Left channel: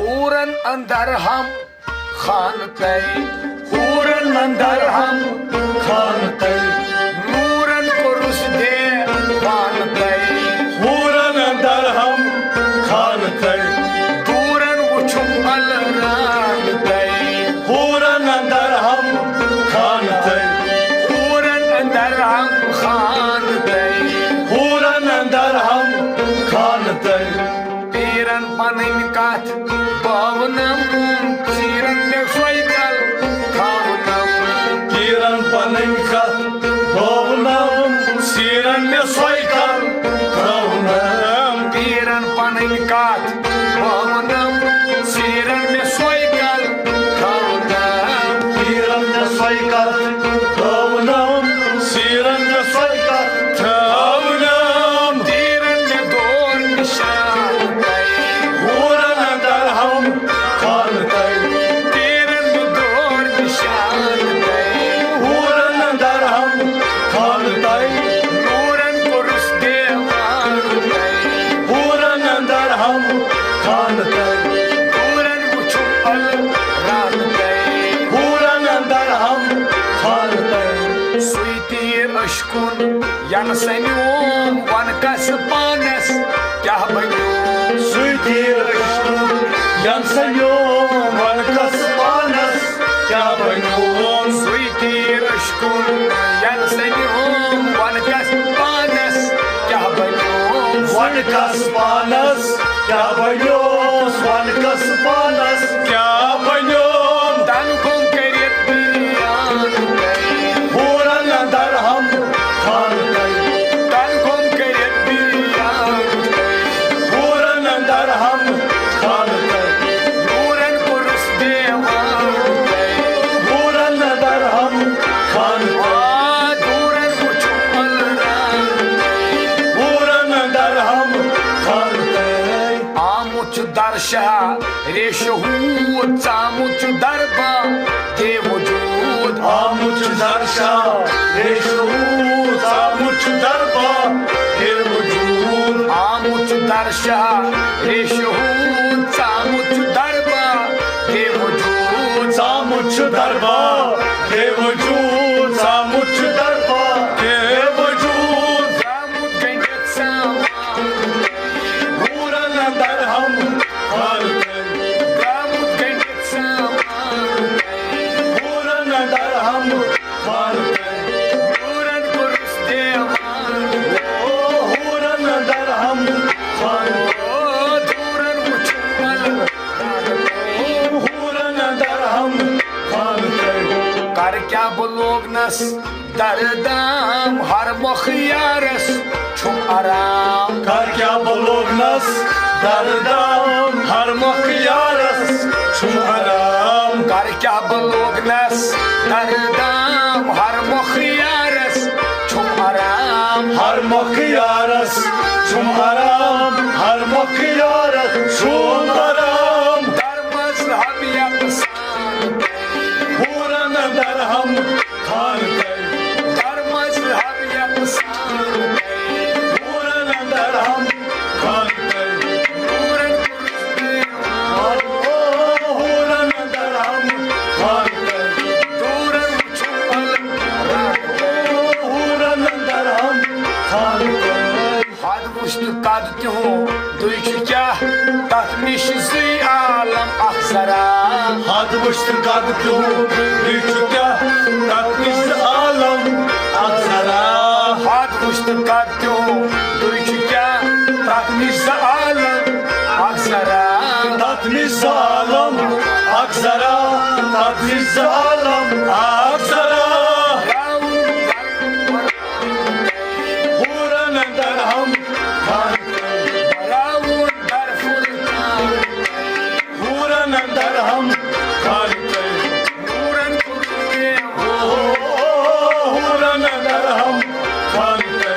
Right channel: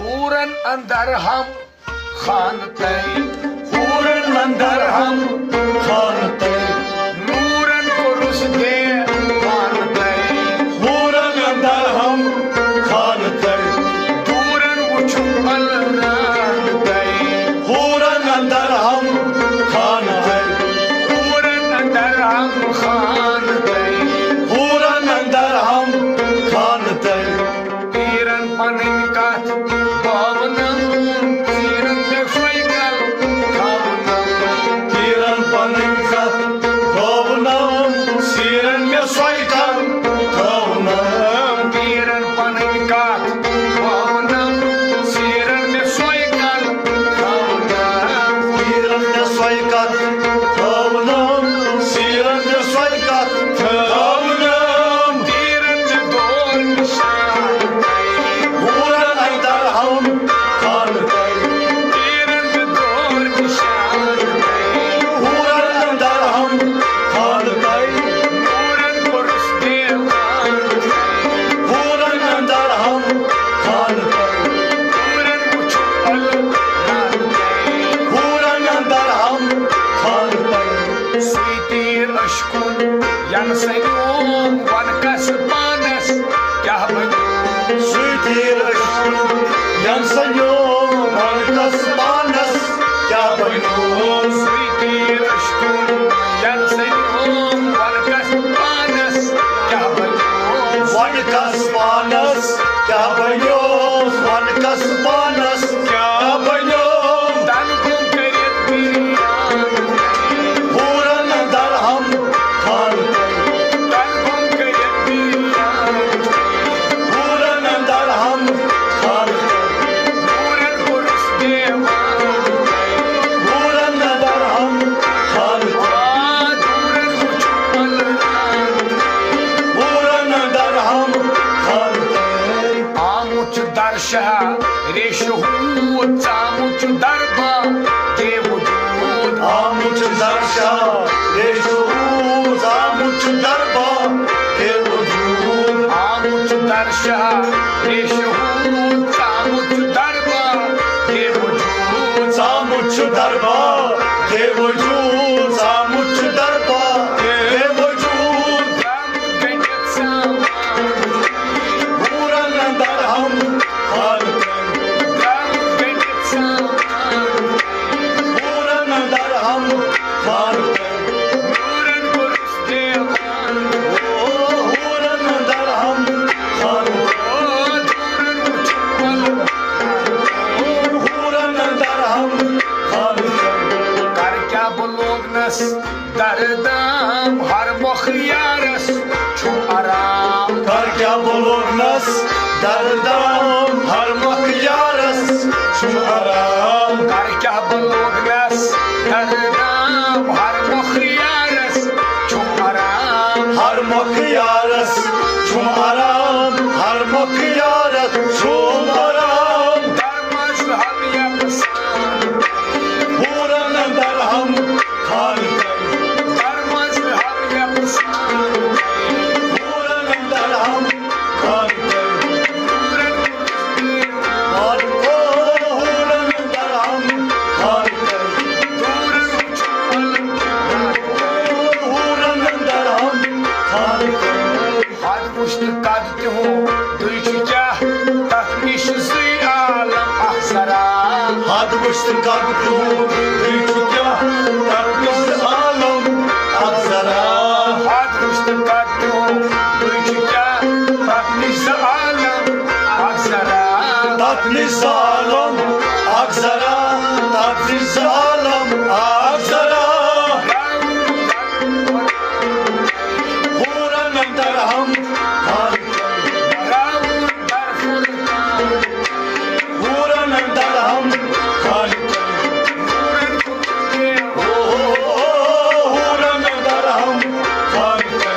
हूरन अंदर हम खानते, हूरन अंदर हम खानते नूरन कुरुस दे खानते, हूरन अंदर हम खानते दूरन वुछुम अल रानते, हूरन अंदर हम खानते हूरन अंदर हम खानते, हूरन अंदर हम खानते पीरन पनन कथ पावनम, तीरन में सोईकल थावनम, तीरन पनन कथ पावनम, सीरन में सोईकल थावनम, पीरन पनन कथ पावनम, तीरन में सोईकल थावनम, तीरन में सोईकल थावनम, सीरन में सोईकल थावनम, तीरन में दौर निशान हूरन अंदर हम खानते तीरन में दौर निशान हूरन अंदर हम खानते नूरन कुरुस दे हूरन अंदर हम खानते दूरन वुछुम अल रानते, हूरन अंदर हम खानते सुई तीर अशकुन यन सन्योम वन कस पानस क्या बन्योम, सुतीर यंसयोम वनकस मानस क्या बन्योम सुई तीर अशकुन यन सन्योम वन कस पानस क्या बन्योम, वनकस मानस क्या बन्योम वनकस मानस क्या बन्योम तन गुम करित बिरियान हूरन अंदर हम खानते तन गुम करित बिरियान हूरन अंदर हम खानते नूरन कुरुस दे हूरन अंदर हम खानते दूरन वुछुम अल रानते, हूरन अंदर हम खानते आमुच दर्शा रेशहूद चामुच दरबा के वजूद, आमुच दर्शा येशूस आमुच दरबा हे वजूद आमुच दर्शा रेशहूद चामुच दरबा के वजूद, सामुच दरबा हे वजूद सामुच दरबा हे वजूद चामुच गंडित सामान, हूरन अंदर हम खानते चामुच गंडित सामान, हूरन अंदर हम खानते नूरन कुरुस दे ओ हूरन अंदर हम खानते दूरन वुछुम अल रानते, हूरन अंदर हम खानते कर क्या बलोगनस दरदाम हर मुखियारस छुम आराम, कर क्या बोलोगनस दरदाम हर मखियारस शुमाराम कर क्या बलोगनस दरदाम हर मुखियारस छुम आराम, हर मखियारस शुमाराम हर मखियारस शुमाराम दर मजहब यकसान, हूरन अंदर हम खानते दर मजहब यकसान, हूरन अंदर हम खानते नूरन कुरुस दे ओ हूरन अंदर हम खानते दूरन वुछुम अल रानते, ओ हूरन अंदर हम खानते हद वुश्त कद तिहु दुई छु क्या तथ निश जुई आलम अखसरा, हाथ मुश्त कब क्यों बिछ क्या तकिस आलम अजरा हद वुश्त कद तिहु दुई छु क्या तथ निश आलम अखसरा, तकिस आलम अजरा तकिस आलम अजरा हूरन अंदर हम खानते हूरन अंदर हम खानते हूरन अंदर हम खानते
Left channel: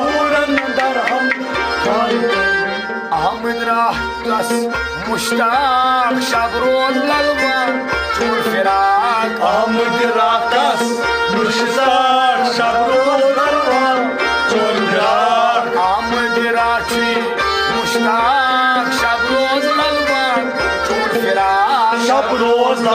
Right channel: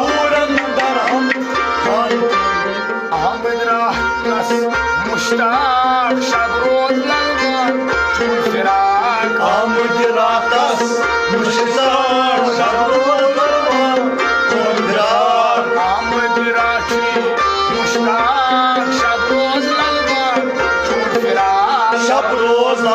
हूरन अंदर हम खानते अहमद राह कस मुश्ताक शब रोज ललवा चुन फिराक, आमद राकस मुश्ताक शब रोज ललवा चुन फिराक, आमद राची मुश्ताक ਰੱਬ ਰੋਜ਼ ਦਾ